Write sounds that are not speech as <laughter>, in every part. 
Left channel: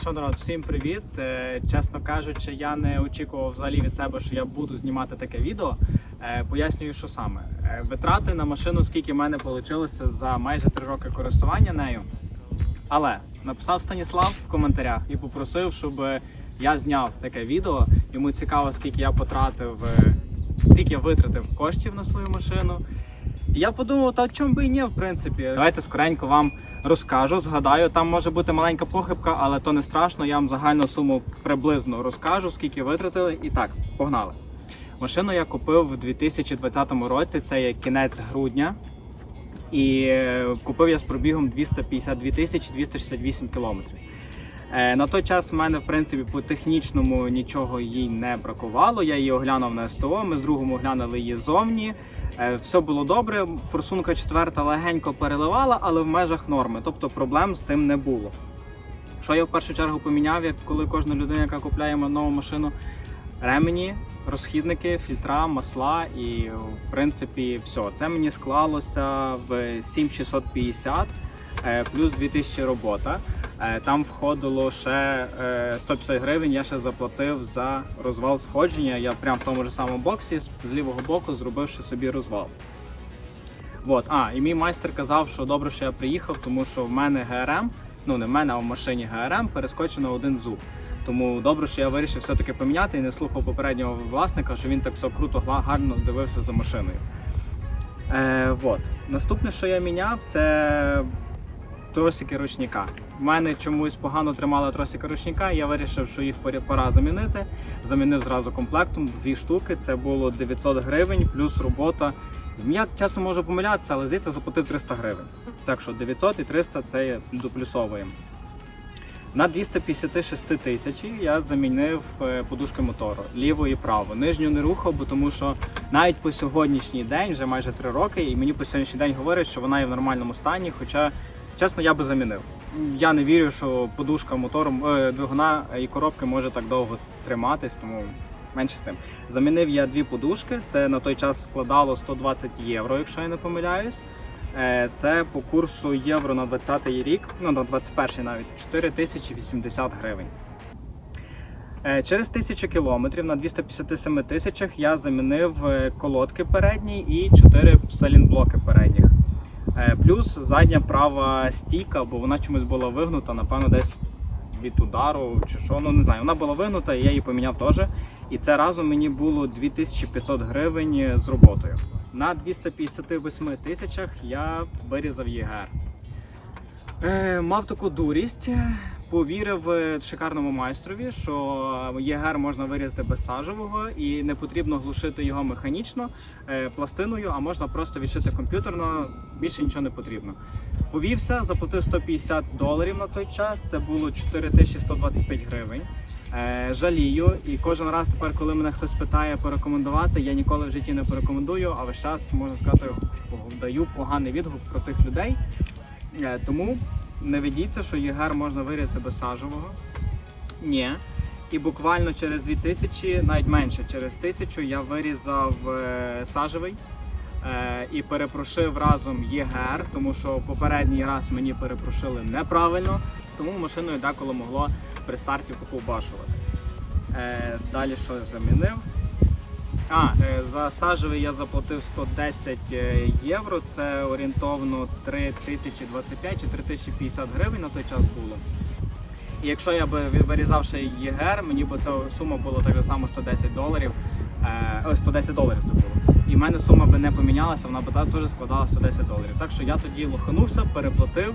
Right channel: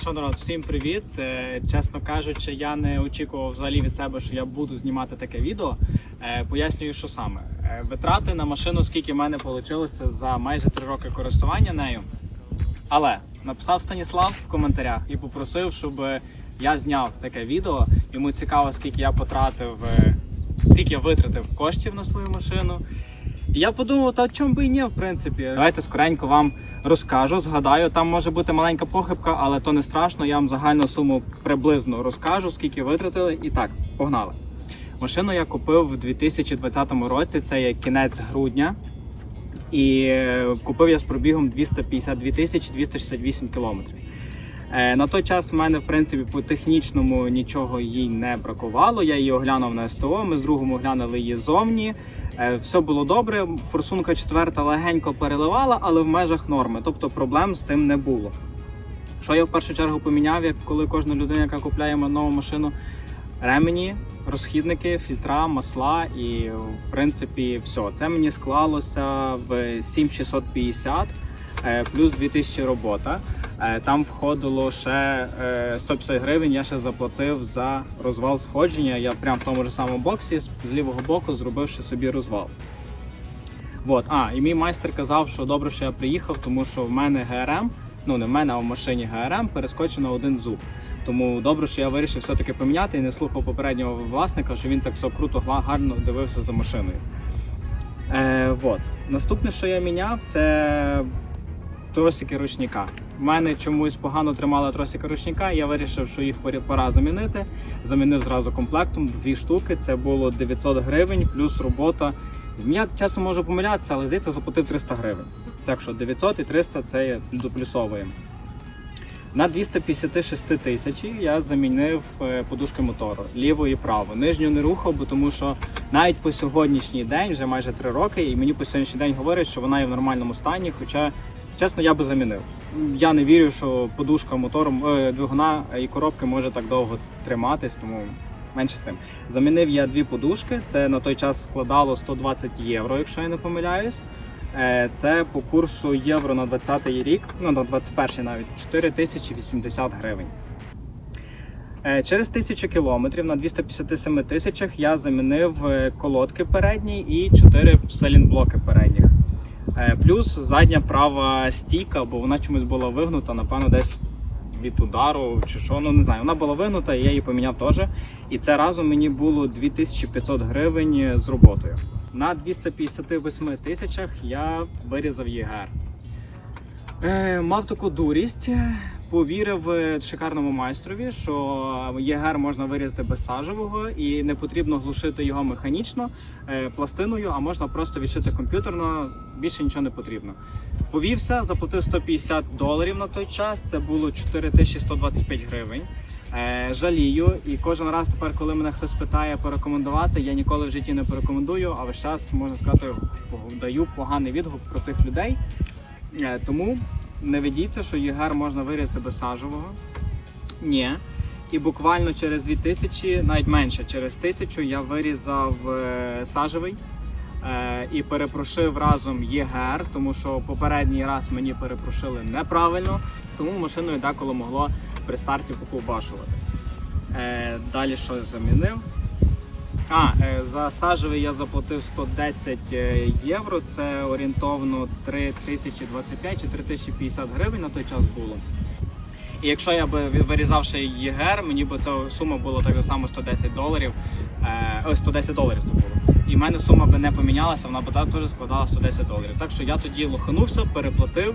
Що народ, всім привіт. Е, Чесно кажучи, я не очікував взагалі від себе, що я буду знімати таке відео. Е, Пояснюю, що саме. Е, Витрати на машину, скільки в мене вийшло за майже 3 роки користування нею. Але написав Станіслав в коментарях і попросив, щоб я зняв таке відео. Йому цікаво, скільки я потратив, скільки я витратив коштів на свою машину. Я подумав, та чому би і ні, в принципі. Давайте скоренько вам розкажу, згадаю. Там може бути маленька похибка, але то не страшно. Я вам загальну суму приблизно розкажу, скільки витратили. І так, погнали. Машину я купив в 2020 році, це є кінець грудня. І е, купив я з пробігом 252 тисячі 268 кілометрів. Е, На той час в мене, в принципі, по технічному нічого їй не бракувало. Я її оглянув на СТО. Ми з другом оглянули її зовні. Е, Все було добре. Форсунка четверта легенько переливала, але в межах норми. Тобто проблем з тим не було. Що я в першу чергу поміняв, як коли кожна людина, яка купляє нову машину, ремені, розхідники, фільтра, масла і в принципі все. Це мені склалося в 7650 е, плюс 2000 робота. Е, Там входило ще е, 150 гривень. Я ще заплатив за розвал сходження. Я прямо в тому ж самому боксі з лівого боку зробив ще собі розвал. Вот. А, і мій майстер казав, що добре, що я приїхав, тому що в мене ГРМ, ну не в мене, а в машині ГРМ перескочено один зуб. Тому добре, що я вирішив все-таки поміняти і не слухав попереднього власника, що він так все круто, гарно дивився за машиною. Е, вот. Наступне, що я міняв, це тросики ручника. У мене чомусь погано тримали тросики ручника. Я вирішив, що їх пора- замінити. Замінив зразу комплектом дві штуки. Це було 900 гривень плюс робота. Я часто можу помилятися, але здається, заплатив 300 гривень. Так що 900 і 300 це є доплюсовуємо. На 256 тисяч я замінив е, подушки мотору ліву і праву. Нижню не рухав, бо тому що навіть по сьогоднішній день, вже майже 3 роки, і мені по сьогоднішній день говорять, що вона є в нормальному стані. Хоча, чесно, я би замінив. Я не вірю, що подушка мотором е, двигуна і коробки може так довго триматись, тому менше з тим. Замінив я дві подушки. Це на той час складало 120 євро, якщо я не помиляюсь. Е, Це по курсу євро на 20 рік, ну на 21-й навіть 4080 гривень. Е, Через 1000 кілометрів на 257 тисячах я замінив е, колодки передні і 4 салінблоки передніх. Е, Плюс задня права стійка, бо вона чомусь була вигнута, напевно, десь від удару чи що, ну не знаю. Вона була вигнута, і я її поміняв теж. І це разом мені було 2500 гривень з роботою. На 258 тисячах я вирізав ЄГР. Е, мав таку дурість, повірив е, шикарному майстрові, що ЄГР можна вирізати без сажевого і не потрібно глушити його механічно е, пластиною, а можна просто відшити комп'ютерно, більше нічого не потрібно. Повівся, заплатив 150 доларів на той час. Це було 4125 гривень. Е, жалію, і кожен раз тепер, коли мене хтось питає порекомендувати, я ніколи в житті не порекомендую, а весь час можна сказати, даю поганий відгук про тих людей. Е, Тому не ведіться, що ЄГР можна вирізати без сажевого. Ні. І буквально через 2000, навіть менше, через 1000 я вирізав е, сажевий е, і перепрошив разом ЄГР, тому що попередній раз мені перепрошили неправильно, тому машиною деколи могло при старті поковбашувати. Е, далі що я замінив? А, е, за сажевий я заплатив 110 е, євро. Це орієнтовно 3025 чи 3050 гривень на той час було. І якщо я би вирізав ще ЄГР, мені б ця сума була так само 110 доларів. Е, 110 доларів це було. І в мене сума би не помінялася, вона б теж складала 110 доларів. Так що я тоді лоханувся, переплатив.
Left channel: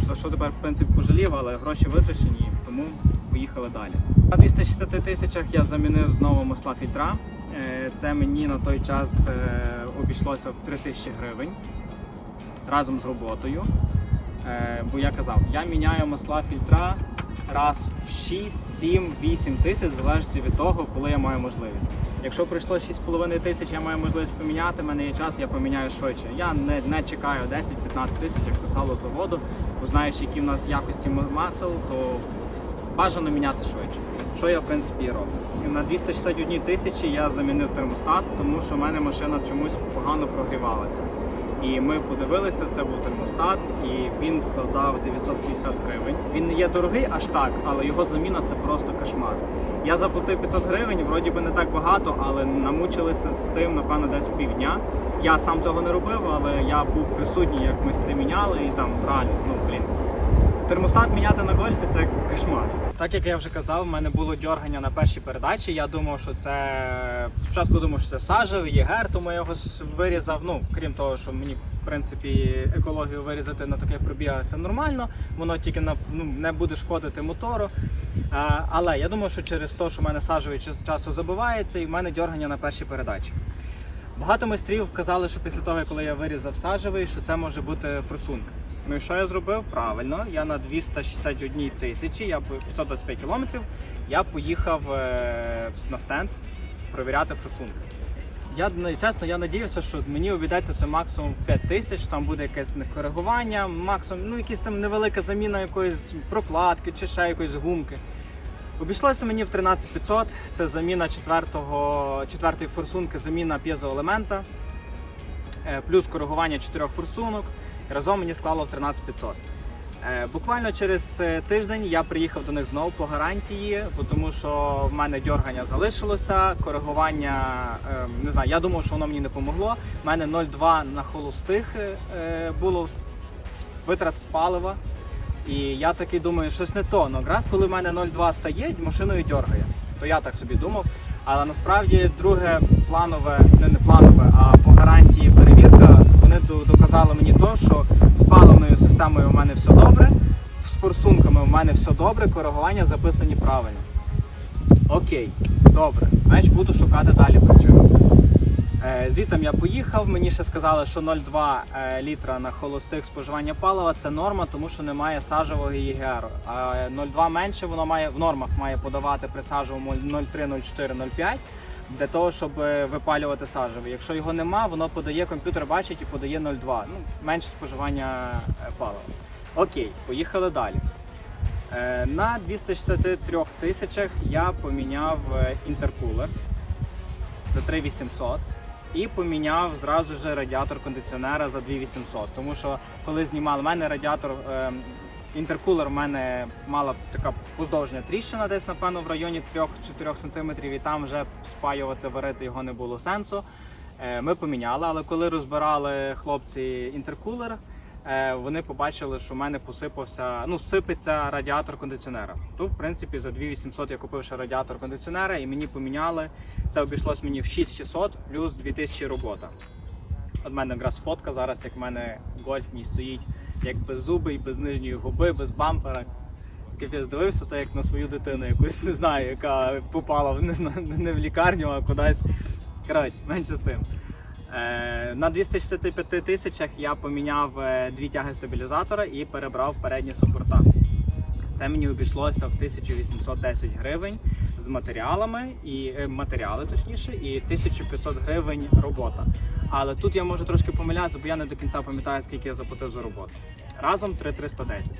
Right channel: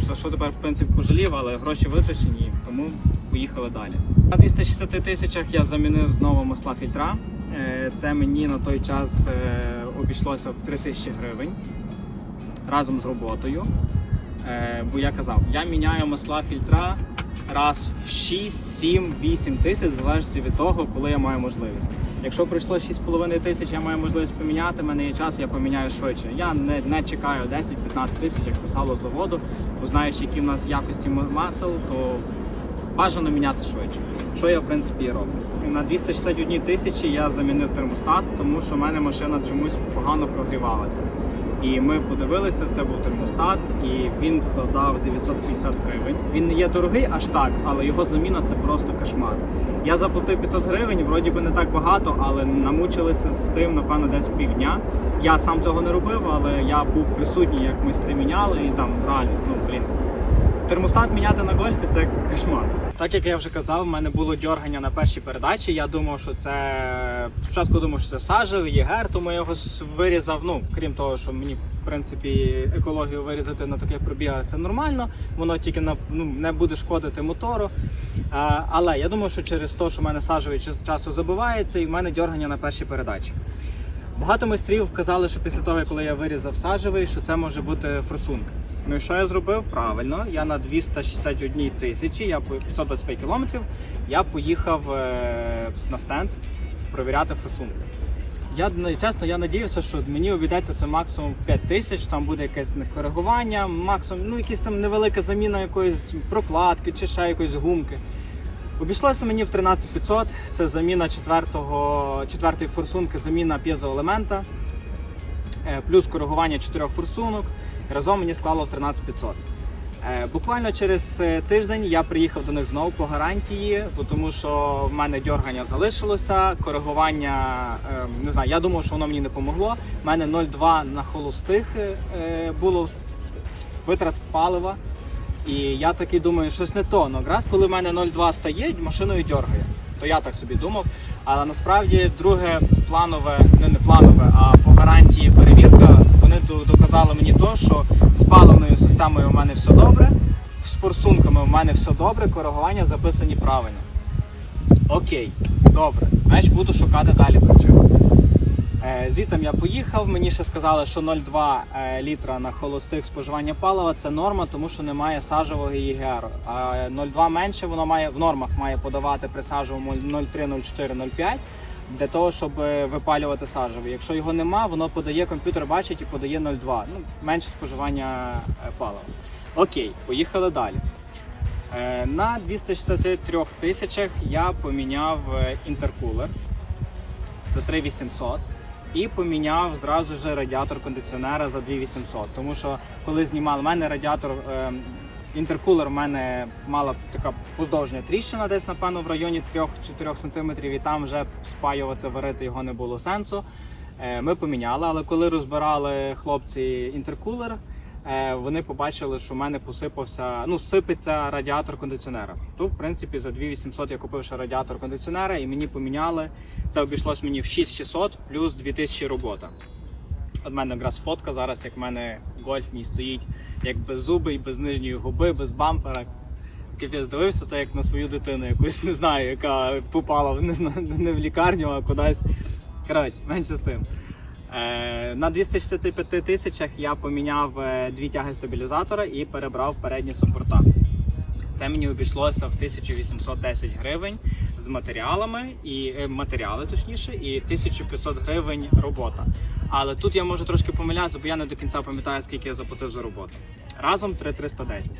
За що тепер в принципі пожалів, але гроші витрачені, тому поїхали далі. На 260 тисячах я замінив знову масла фільтра. Е, Це мені на той час е, обійшлося в 3000 гривень разом з роботою. Е, Бо я казав, я міняю масла фільтра раз в 6, 7, 8 тисяч, в залежності від того, коли я маю можливість. Якщо пройшло 6,5 тисяч, я маю можливість поміняти, в мене є час, я поміняю швидше. Я не, не чекаю 10-15 тисяч, як писало заводу, бо знаючи, які в нас якості масел, то бажано міняти швидше. Що я в принципі і роблю. На 261 тисячі я замінив термостат, тому що в мене машина чомусь погано прогрівалася. І ми подивилися, це був термостат, і він складав 950 гривень. Він не є дорогий аж так, але його заміна це просто кошмар. Я заплатив 500 гривень, вроді би не так багато, але намучилися з тим, напевно, десь півдня. Я сам цього не робив, але я був присутній, як майстри міняли, і там реально, ну. Термостат міняти на гольфі це кошмар. Так як я вже казав, в мене було дьоргання на першій передачі. Я думав, що це спочатку думав, що це сажевий єгер, тому я його вирізав. Ну крім того, що мені в принципі екологію вирізати на таких пробігах це нормально. Воно тільки на ну не буде шкодити мотору. А, але я думав, що через те, що в мене сажевий часто забивається, і в мене дьоргання на першій передачі. Багато майстрів казали, що після того, коли я вирізав сажевий, що це може бути форсунка. Ну і що я зробив? Правильно, я на 261 тисячі, я 525 кілометрів, я поїхав е, на стенд провіряти форсунки. Я ну, чесно, я надіявся, що мені обійдеться це максимум в 5 тисяч, там буде якесь коригування, максимум, ну якісь там невелика заміна якоїсь прокладки чи ще якоїсь гумки. Обійшлося мені в 13500, це заміна четвертого, четвертої форсунки, заміна п'єзоелемента, е, плюс коригування чотирьох форсунок. Разом мені склало в 13500. Е, Буквально через е, тиждень я приїхав до них знову по гарантії, бо тому що в мене дьоргання залишилося, коригування е, не знаю, я думав, що воно мені не помогло. У мене 0,2 на холостих е, було витрат палива. І я такий думаю, щось не то. Ну, якраз коли в мене 0,2 стає, машиною дьоргає. То я так собі думав. Але насправді друге планове, не, не планове, а по гарантії перевірка, вони до- доказали мені то, що з паливною системою у мене все добре, з форсунками у мене все добре, коригування записані правильно. Окей, добре. Значить буду шукати далі причину. Е, Звітом я поїхав. Мені ще сказали, що 0,2 е, літра на холостих споживання палива це норма, тому що немає сажевого ЄГР. А 0,2 менше воно має в нормах має подавати при сажевому 0,3, 0,4, 0,5 для того, щоб е, випалювати сажевий. Якщо його нема, воно подає комп'ютер, бачить і подає 0,2. Ну менше споживання е, палива. Окей, поїхали далі. Е, На 263 тисячах я поміняв інтеркулер за 3800 і поміняв зразу ж радіатор кондиціонера за 2800. Тому що коли знімали, в мене радіатор е, інтеркулер, в мене мала така поздовжня тріщина, десь напевно в районі 3-4 см, і там вже спаювати, варити його не було сенсу. Е, Ми поміняли, але коли розбирали хлопці інтеркулер, е, вони побачили, що в мене посипався, ну сипеться радіатор кондиціонера. То, в принципі, за 2800 я купив ще радіатор кондиціонера і мені поміняли. Це обійшлось мені в 6600 плюс 2000 робота. От мене якраз фотка зараз, як в мене гольф мій стоїть, як без зуби, без нижньої губи, без бампера. Капець дивився, то як на свою дитину, якусь не знаю, яка попала не, знаю, не в лікарню, а кудись. Коротше, менше з тим. Е, на 265 тисячах я поміняв е, дві тяги стабілізатора і перебрав передні супорта. Це мені обійшлося в 1810 гривень з матеріалами і е, матеріали, точніше, і 1500 гривень робота. Але тут я можу трошки помилятися, бо я не до кінця пам'ятаю, скільки я заплатив за роботу. Разом 3310.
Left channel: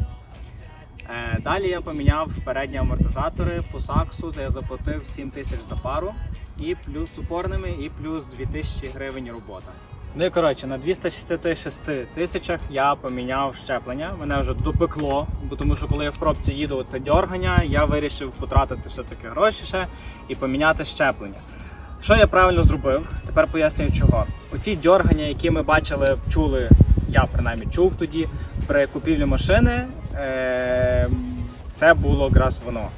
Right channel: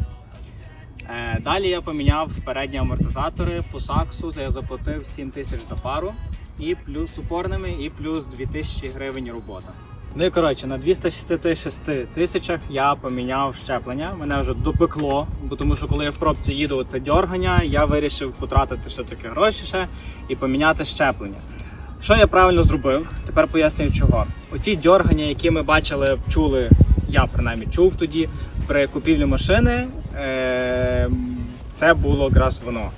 Е, Далі я поміняв передні амортизатори по саксу, це я заплатив 7 тисяч за пару, і плюс упорними, і плюс 2000 гривень робота. Ну і коротше, на 266 тисячах я поміняв щеплення. Мене вже допекло, бо тому що коли я в пробці їду, це дьоргання, я вирішив потратити ще таке гроші ще і поміняти щеплення. Що я правильно зробив? Тепер пояснюю чого. Оті дьоргання, які ми бачили, чули, я принаймні чув тоді при купівлі машини, е- це було якраз воно.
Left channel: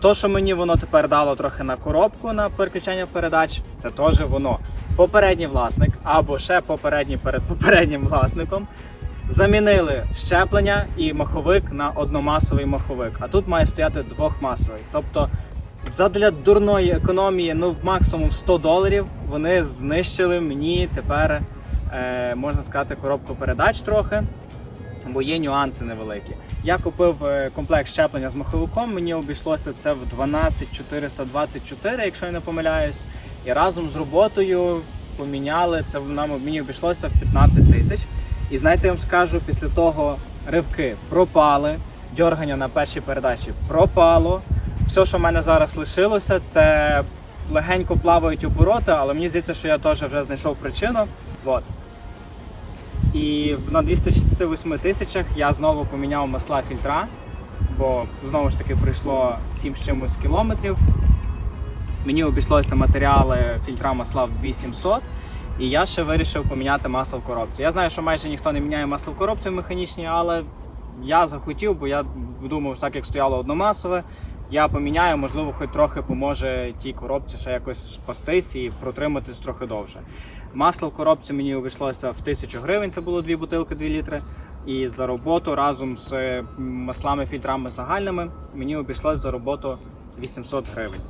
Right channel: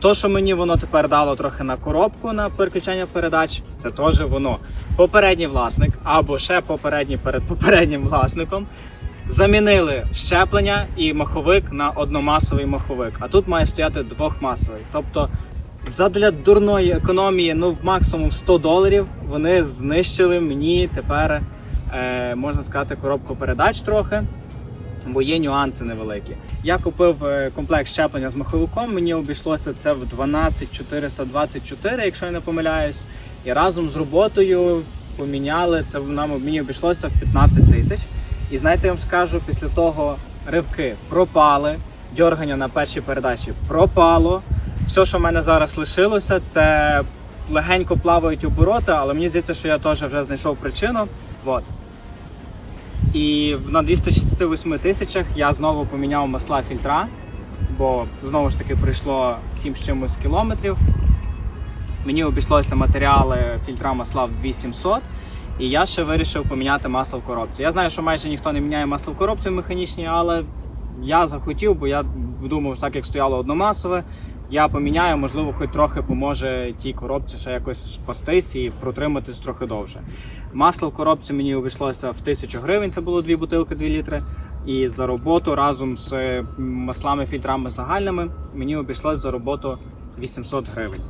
То, що мені воно тепер дало трохи на коробку на переключення передач, це теж воно. Попередній власник або ще попередній перед попереднім власником замінили щеплення і маховик на одномасовий маховик. А тут має стояти двохмасовий. Тобто, задля дурної економії, ну в максимум 100 доларів, вони знищили мені тепер, е, можна сказати, коробку передач трохи бо є нюанси невеликі. Я купив е, комплект щеплення з маховиком, мені обійшлося це в 12424, якщо я не помиляюсь. І разом з роботою поміняли це нам мені обійшлося в 15 тисяч. І знаєте, я вам скажу, після того ривки пропали, дьоргання на першій передачі пропало. Все, що в мене зараз лишилося, це легенько плавають обороти, але мені здається, що я теж вже знайшов причину. От. І на 268 тисячах я знову поміняв масла фільтра, бо знову ж таки пройшло 7 з чимось кілометрів. Мені обійшлося матеріали фільтра масла в 2700. І я ще вирішив поміняти масло в коробці. Я знаю, що майже ніхто не міняє масло в коробці механічній, але я захотів, бо я думав, що так як стояло одномасове, я поміняю, можливо, хоч трохи поможе тій коробці ще якось спастись і протриматись трохи довше. Масло в коробці мені обійшлося в 1000 гривень, це було дві бутилки 2 літри. І за роботу разом з е, маслами фільтрами загальними мені обійшлося за роботу 800 гривень.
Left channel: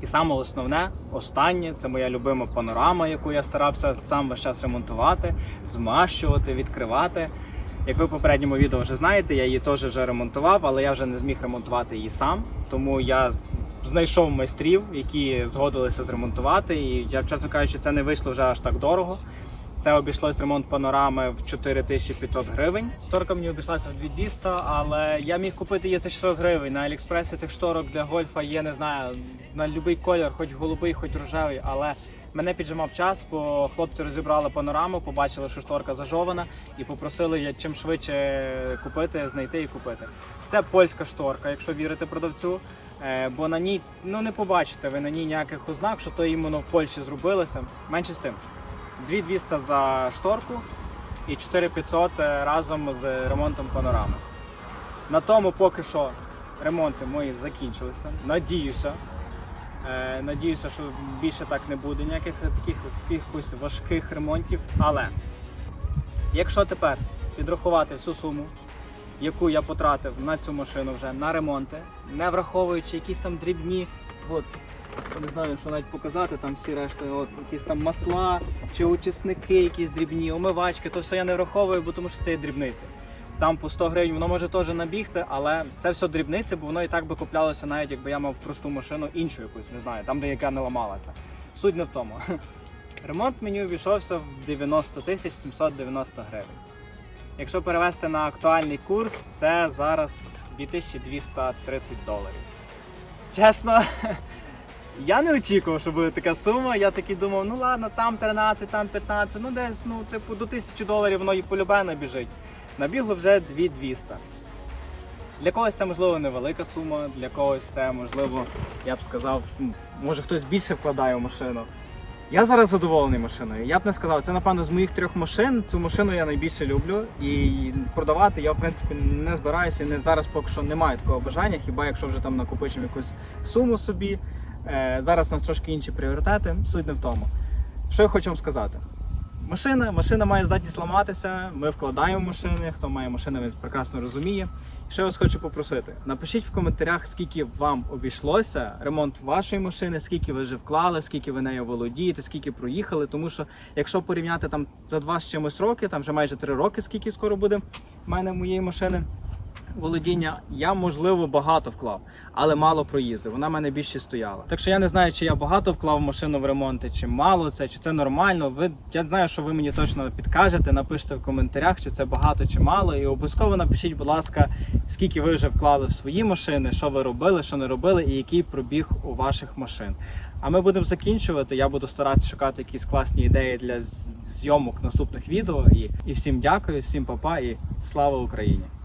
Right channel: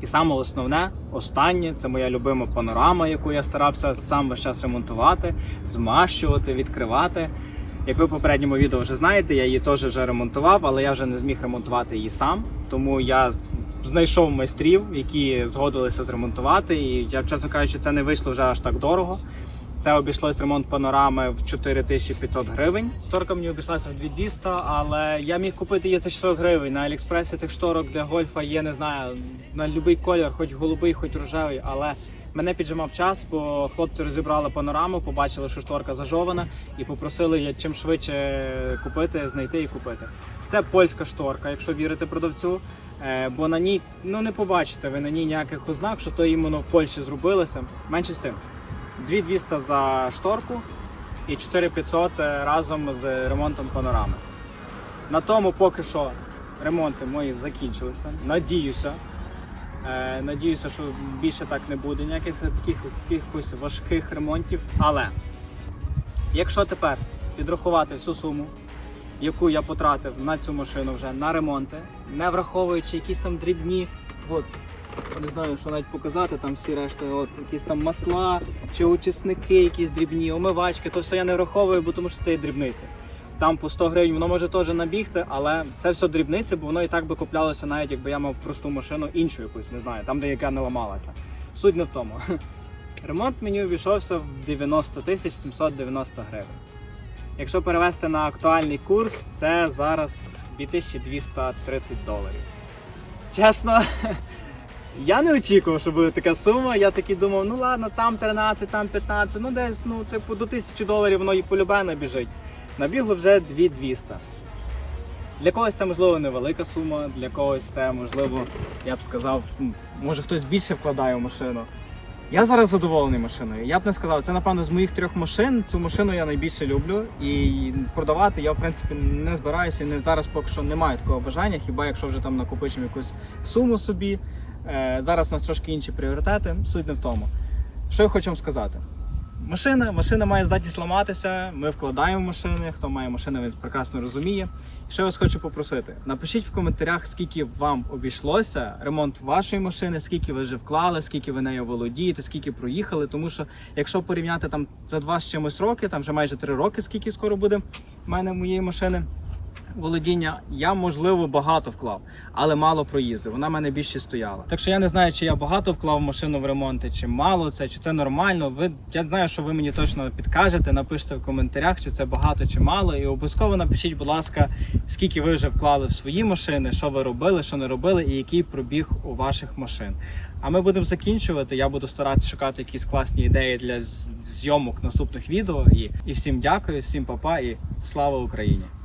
І саме основне, останнє, це моя любима панорама, яку я старався сам весь час ремонтувати, змащувати, відкривати. Як ви в попередньому відео вже знаєте, я її теж вже ремонтував, але я вже не зміг ремонтувати її сам. Тому я знайшов майстрів, які згодилися зремонтувати. І я, чесно кажучи, це не вийшло вже аж так дорого. Це обійшлось ремонт панорами в 4500 гривень. Шторка мені обійшлася в 2200, але я міг купити її за 600 гривень. На Аліекспресі тих шторок для гольфа є, не знаю, на будь-який колір, хоч голубий, хоч рожевий. Але мене піджимав час, бо хлопці розібрали панораму, побачили, що шторка зажована, і попросили чим швидше купити, знайти і купити. Це польська шторка, якщо вірити продавцю. Е, Бо на ній ну не побачите ви на ній ніяких ознак, що то іменно в Польщі зробилося. Менше з тим. 2200 за шторку і 4500 разом з ремонтом панорами. На тому поки що ремонти мої закінчилися. Надіюся. Е, надіюся, що більше так не буде ніяких таких якихось важких ремонтів. Але якщо тепер підрахувати всю суму, яку я потратив на цю машину вже на ремонти, не враховуючи якісь там дрібні, не знаю, що навіть показати, там всі решта, от якісь там масла чи очисники, якісь дрібні, омивачки, то все я не враховую, бо тому що це є дрібниці. Там по 100 гривень воно може теж набігти, але це все дрібниці, бо воно і так би куплялося, навіть якби я мав просту машину, іншу якусь, не знаю, там, де яка не ламалася. Суть не в тому. <laughs> Ремонт мені обійшовся в 90 тисяч 790 гривень. Якщо перевести на актуальний курс, це зараз 2230 доларів. Чесно, <laughs> я не очікував, що буде така сума. Я такий думав, ну ладно, там 13, там 15, ну десь, ну, типу, до 1000 доларів воно і полюбе набіжить. Набігло вже 2200. Для когось це можливо невелика сума, для когось це можливо, я б сказав, може хтось більше вкладає в машину. Я зараз задоволений машиною. Я б не сказав, це напевно з моїх трьох машин. Цю машину я найбільше люблю. І продавати я в принципі не збираюся. і Не зараз поки що немає такого бажання, хіба якщо вже там накопичимо якусь суму собі. Е, зараз у нас трошки інші пріоритети. Суть не в тому. Що я хочу вам сказати? Машина, машина має здатність ламатися. Ми вкладаємо машини. Хто має машину, він прекрасно розуміє. Що я вас хочу попросити? Напишіть в коментарях, скільки вам обійшлося ремонт вашої машини, скільки ви вже вклали, скільки ви нею володієте, скільки проїхали. Тому що якщо порівняти там за два з чимось роки, там вже майже три роки, скільки скоро буде в мене моєї машини володіння, я можливо багато вклав, але мало проїздив. Вона в мене більше стояла. Так що я не знаю, чи я багато вклав машину в ремонти, чи мало це, чи це нормально. Ви я знаю, що ви мені точно підкажете. Напишіть в коментарях, чи це багато чи мало. І обов'язково напишіть, будь ласка, скільки ви вже вклали в свої машини, що ви робили, що не робили, і який пробіг у ваших машин. А ми будемо закінчувати. Я буду старатися шукати якісь класні ідеї для зйомок наступних відео. І, і всім дякую, всім папа і слава Україні!